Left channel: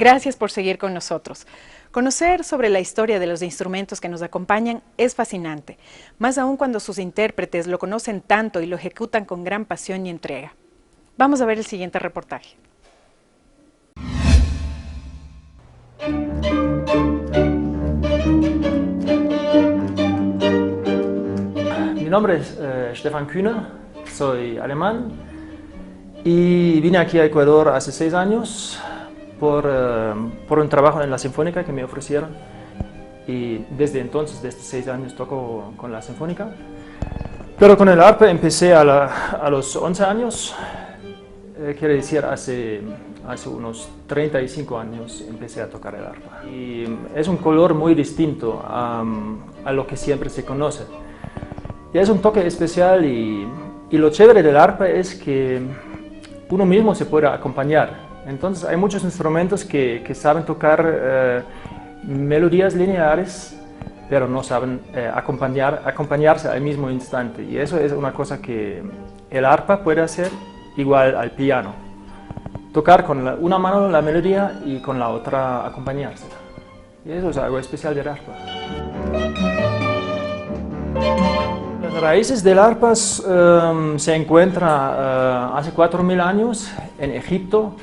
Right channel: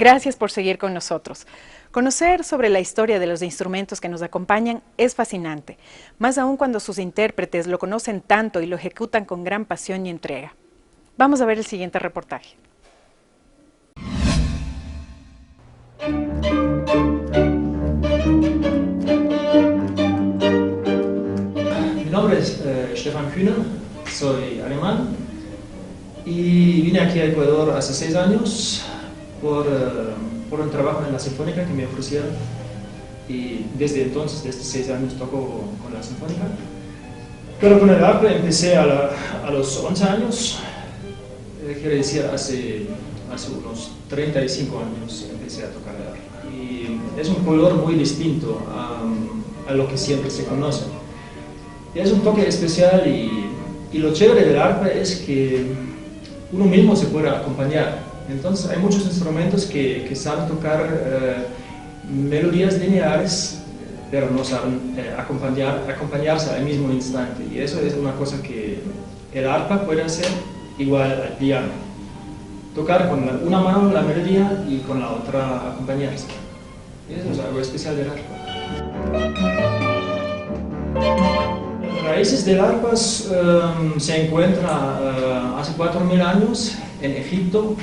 Gracias por seguir con nosotros. Conocer sobre la historia de los instrumentos que nos acompañan es fascinante, más aún cuando sus intérpretes lo conocen tanto y lo ejecutan con gran pasión y entrega. Vamos a ver el siguiente reportaje. Mi nombre es Stefan Kühner, soy alemán y vine aquí a Ecuador hace 6 años por un trabajo en la Sinfónica que me ofrecieron, y desde entonces, desde 6 años, toco con la Sinfónica. Pero con el arpa empecé a los 11 años, quiere decir hace unos 35 años empecé a tocar el arpa. Y es un color muy distinto a lo que siempre se conoce. Y es un toque especial y lo chévere del arpa es que uno mismo se puede acompañar. Entonces hay muchos instrumentos que saben tocar melodías lineares, pero no saben acompañarse al mismo instante. Y eso es una cosa que el arpa puede hacer igual al piano. Tocar con una mano la melodía y con la otra acompañarse. Y eso es algo especial del arpa. Las raíces del arpa se encuentran hace 4.000 años en Egipto.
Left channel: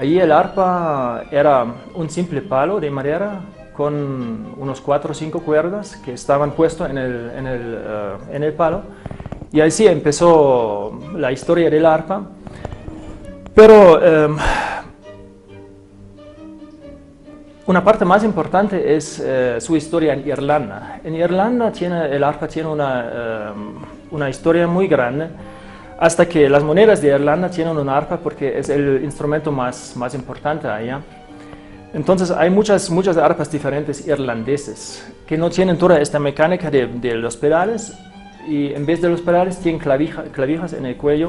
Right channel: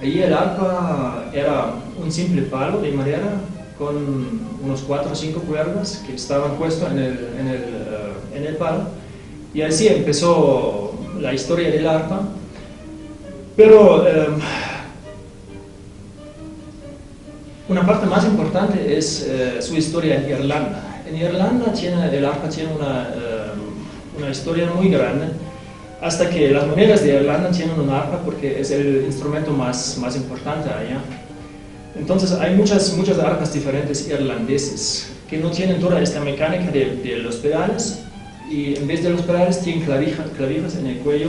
Allí el arpa era un simple palo de madera con unos 4 o 5 cuerdas que estaban puestas en el palo. Y así empezó la historia del arpa. Pero una parte más importante es su historia en Irlanda. En Irlanda el arpa tiene una historia muy grande, hasta que las monedas de Irlanda tienen un arpa porque es el instrumento más importante allá. Entonces hay muchas arpas diferentes irlandeses que no tienen toda esta mecánica de los pedales, y en vez de los pedales tienen clavijas en el cuello.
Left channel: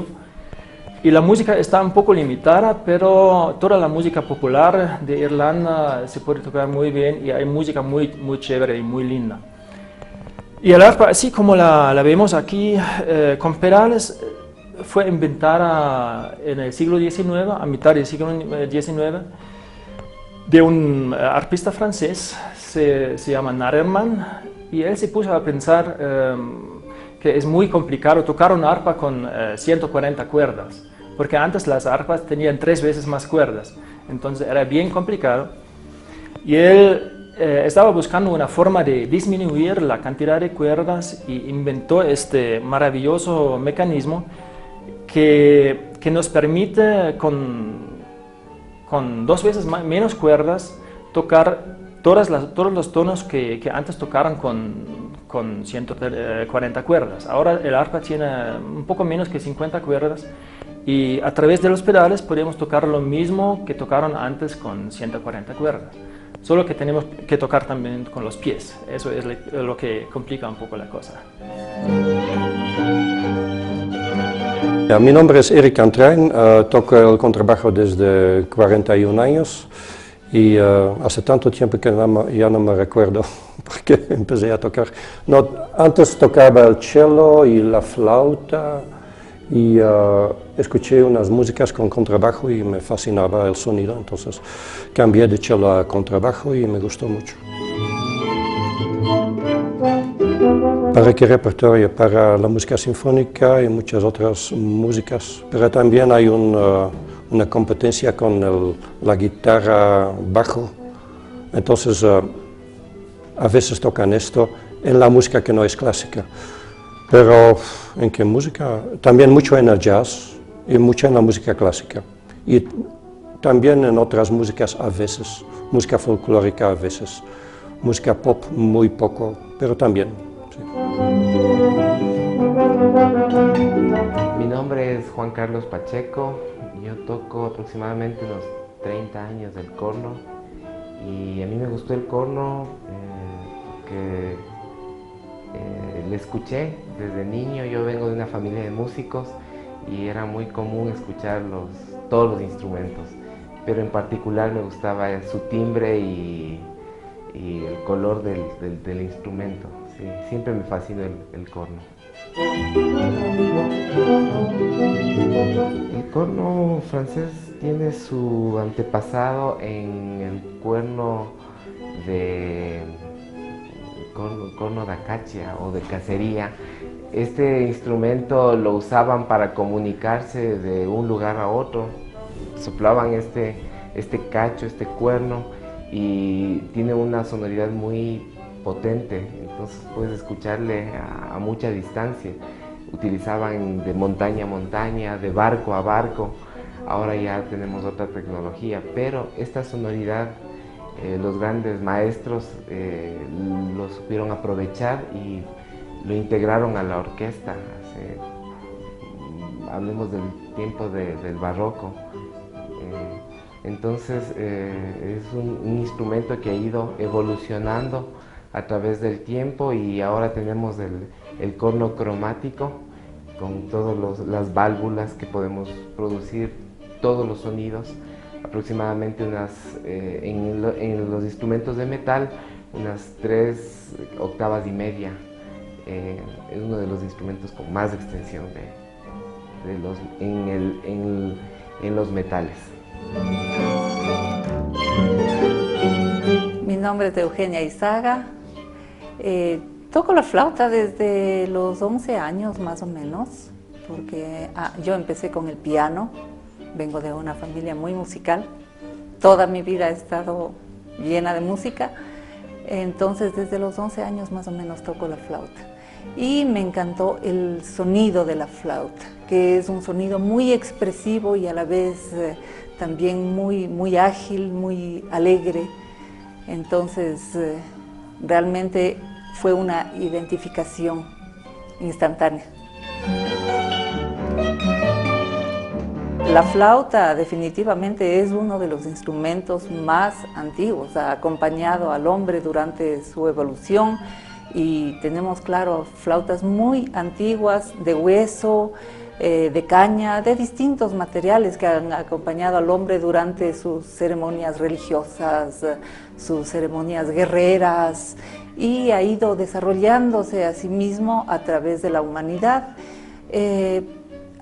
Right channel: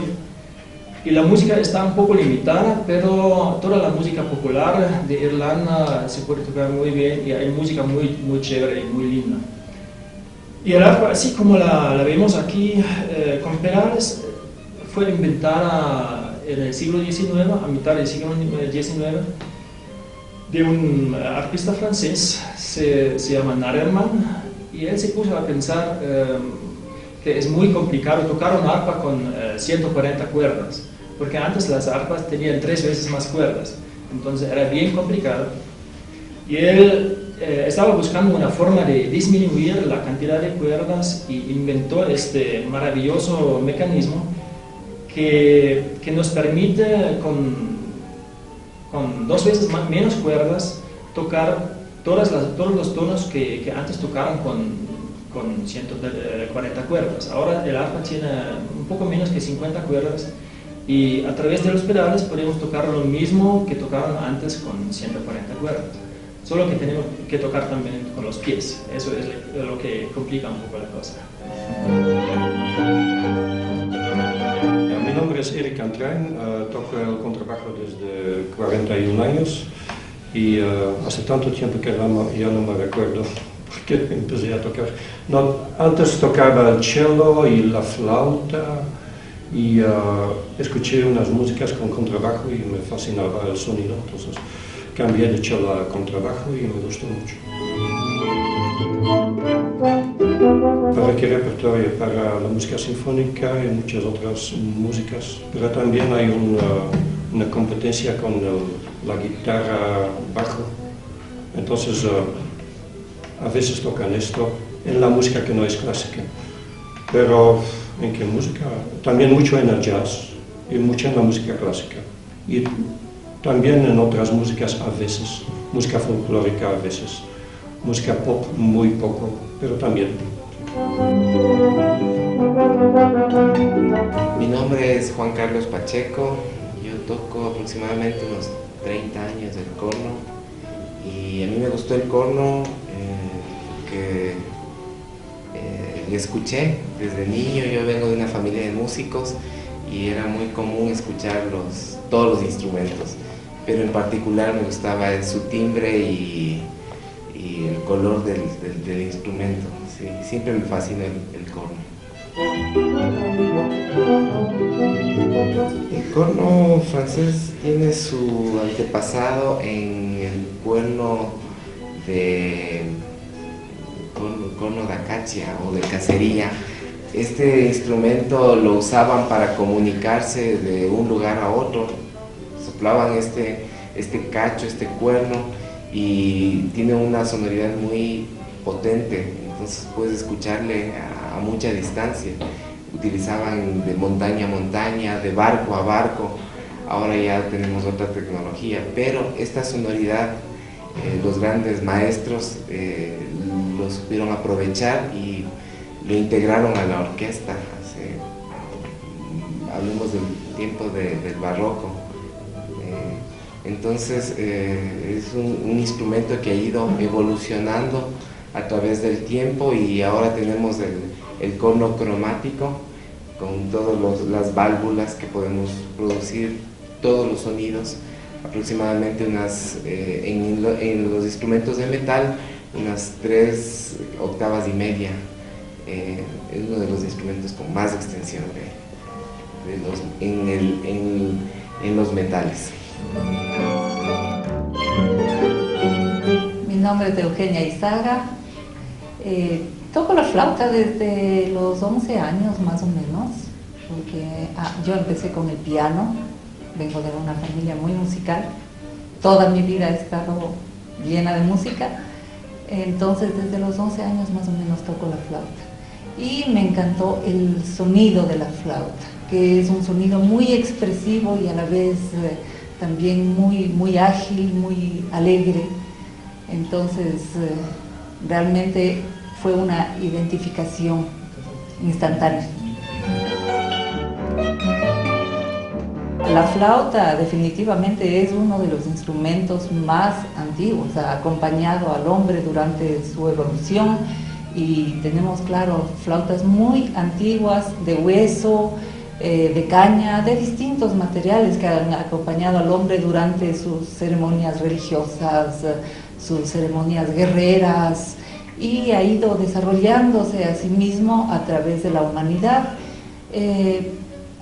Y la música está un poco limitada, pero toda la música popular de Irlanda se puede tocar muy bien y hay música muy chévere y muy linda. Y el arpa, así como la vemos aquí, con pedales, fue inventada en el siglo XIX, a mitad del siglo XIX, de un arpista francés, se llama Nareman, y él se puso a pensar que es muy complicado tocar una arpa con 140 cuerdas, porque antes las arpas tenían 3 veces más cuerdas, entonces era bien complicado. Y él estaba buscando una forma de disminuir la cantidad de cuerdas y inventó este maravilloso mecanismo que nos permite con 2 veces menos cuerdas tocar todos los tonos que antes tocaron con 140 cuerdas. Ahora el arpa tiene un poco menos que 50 cuerdas y a través de los pedales podemos tocar lo mismo que tocaron antes con 140 cuerdas. Solo que tenemos que tocar también con los pies. Eso es lo que complica un poco la cosa. Ja, mi nombre es Erik Antrain, toco el contrabajo desde 41 años y hace tanto tiempo que ya no me recuerdo porque empecé a tocar. No, antes tocaba el cello y la flauta y escuché unas músicas con contrabajo y me fascinaba el sonido, entonces cambié de cello a contrabajo y me gustó mucho. ¿Para qué repertorio? Para la música sinfónica y muchas otras músicas, pero también hay una competencia con la guitarra bajo, entonces a veces tocan esto en la música que no es clásica, pero ¿en qué música? También mucho en el jazz y mucho en la música clásica y también en otras músicas a veces, música folclórica a veces, música pop muy poco, pero también. Mi nombre es Juan Carlos Pacheco, yo toco aproximadamente unos 30 años el corno y a mí me gustó el corno que lo escuché desde niño. Yo vengo de una familia de músicos y era muy común escuchar todos los instrumentos, pero en particular me gustaba su timbre y el color del instrumento. Sí, siempre me fascina el corno. El corno francés tiene su antepasado en el corno de acacia o de cacería. Este instrumento lo usaban para comunicarse de un lugar a otro. Soplaban este cacho, este cuerno, y tiene una sonoridad muy potente, entonces puedes escucharle a mucha distancia. Utilizaban de montaña a montaña, de barco a barco. Ahora ya tenemos otra tecnología, pero esta sonoridad los grandes maestros lo supieron aprovechar y lo integraron a la orquesta. Hablemos del tiempo del barroco. Entonces es un instrumento que ha ido evolucionando a través del tiempo, y ahora tenemos el corno cromático con todas las válvulas que podemos producir todos los sonidos, aproximadamente en los instrumentos de metal, unas 3 octavas y media. Es uno de los instrumentos con más extensión en los metales. Mi nombre es Eugenia Izaga. Toco la flauta desde los 11 años más o menos, porque yo empecé con el piano. Vengo de una familia muy musical. Toda mi vida he estado llena de música. Entonces desde los 11 años más o menos toco la flauta. Y me encantó el sonido de la flauta, que es un sonido muy expresivo y a la vez también muy ágil, muy alegre. Entonces realmente fue una identificación instantánea. La flauta definitivamente es uno de los instrumentos más antiguos, ha acompañado al hombre durante su evolución, y tenemos, claro, flautas muy antiguas, de hueso, de caña, de distintos materiales que han acompañado al hombre durante sus ceremonias religiosas, sus ceremonias guerreras, y ha ido desarrollándose a sí mismo a través de la humanidad,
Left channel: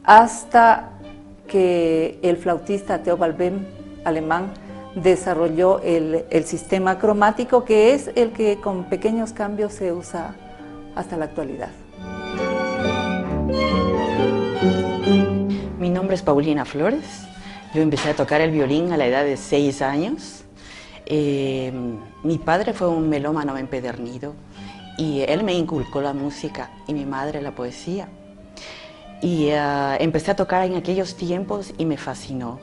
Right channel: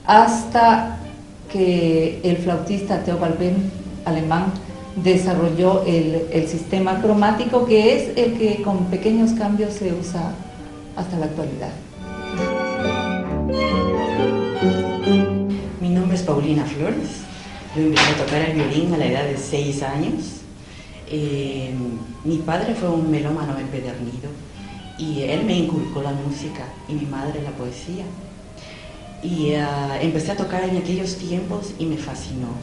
hasta que el flautista Theobald Benn, alemán, desarrolló el sistema cromático, que es el que con pequeños cambios se usa hasta la actualidad. Mi nombre es Paulina Flores. Yo empecé a tocar el violín a la edad de 6 años. Mi padre fue un melómano empedernido y él me inculcó la música, y mi madre la poesía. Y empecé a tocar en aquellos tiempos y me fascinó.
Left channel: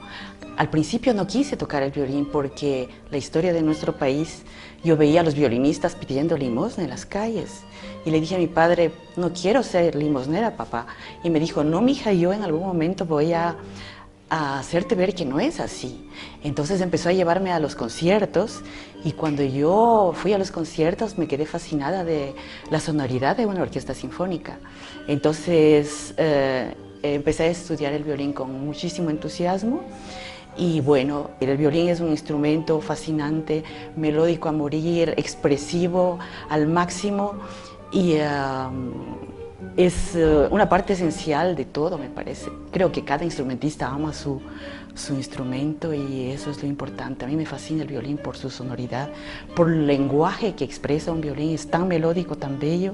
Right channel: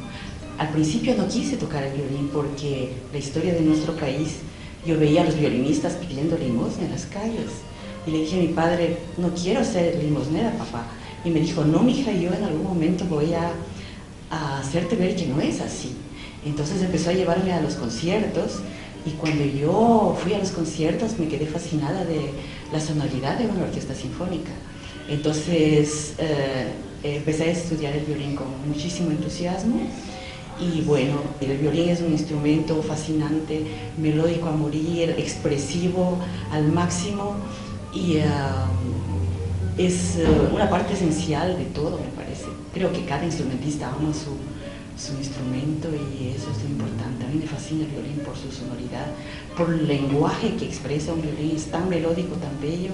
Al principio no quise tocar el violín porque la historia de nuestro país, yo veía a los violinistas pidiendo limosna en las calles. Y le dije a mi padre, no quiero ser limosnera, papá. Y me dijo, no, mija, yo en algún momento voy a hacerte ver que no es así. Entonces empezó a llevarme a los conciertos, y cuando yo fui a los conciertos me quedé fascinada de la sonoridad de una orquesta sinfónica. Entonces empecé a estudiar el violín con muchísimo entusiasmo. Y bueno, el violín es un instrumento fascinante, melódico a morir, expresivo al máximo, y es una parte esencial de todo, me parece. Creo que cada instrumentista ama su instrumento, y eso es lo importante. A mí me fascina el violín por su sonoridad, por el lenguaje que expresa un violín, es tan melódico, tan bello.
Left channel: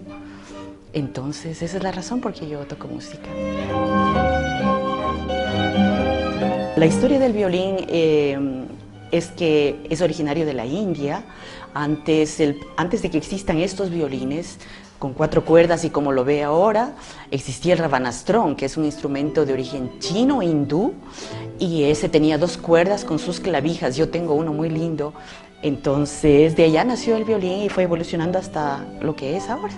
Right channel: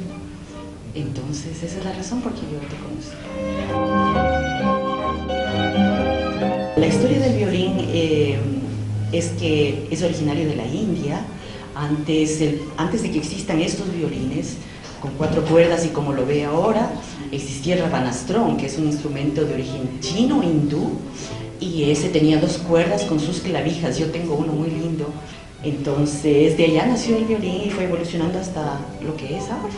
Entonces esa es la razón por que yo toco música. La historia del violín es que es originario de la India. Antes de que existan estos violines con 4 cuerdas y como lo ve ahora, existía el rabanastrón, que es un instrumento de origen chino e hindú, y ese tenía 2 cuerdas con sus clavijas. Yo tengo uno muy lindo. Entonces de allá nació el violín y fue evolucionando hasta lo que es ahora.